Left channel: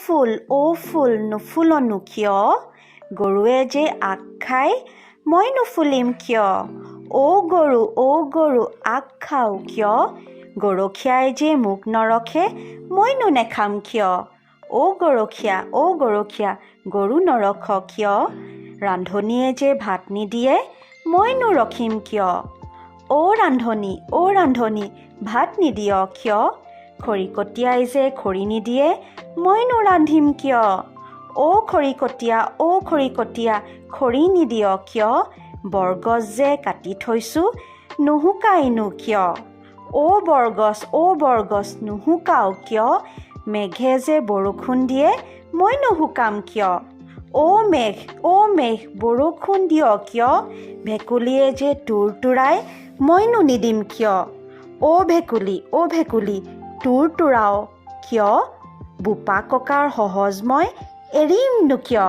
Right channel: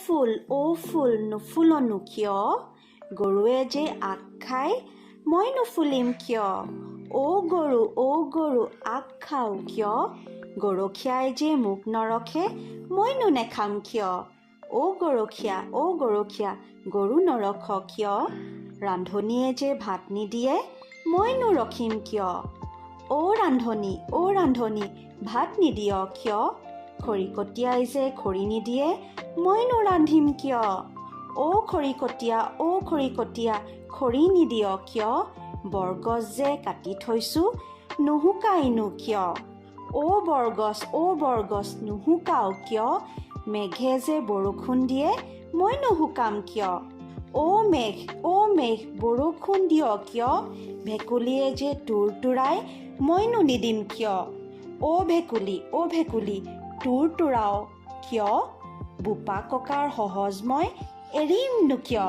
ফুল নুফুলনো কিয় গৰুৱে যে আগ খাই মই নুফুলিম কিয় অ' গৰু আগ খাও কিয় গৰখীয়াই যে মোক নৰখে মইনো নেখাম কিয় অ' গৰখীয়া গৰু নৰখ কিয় ৰান্ধনীয়ে যে ভাত নিদিয়ে মইনো ৰখিম কিয় অ' ৰান্ধনী ভাত নিদিয় কিয় খৰিকটীয়াই যে খৰি নিদিয়ে মইনো ৰান্ধিম কিয় অ' খৰিকটীয়া খৰি নিদিয় কিয় বৰগছ যে কাটি থৈছোঁ নুশুকাইনো কিয় অ' বৰগছ নুশুকাও কিয় মেঘে যে বৰষুণ দিয়ে মই নুশুকাম কিয় অ' মেঘ বৰষুণ দিয় কিয় ভেকুলীয়ে যে তুৰতুৰাই মইনো নিদিম কিয় অ' ভেকুলী তুৰতুৰাও কিয় বোপা ককাৰ সহজ মই এৰিমনো কিয়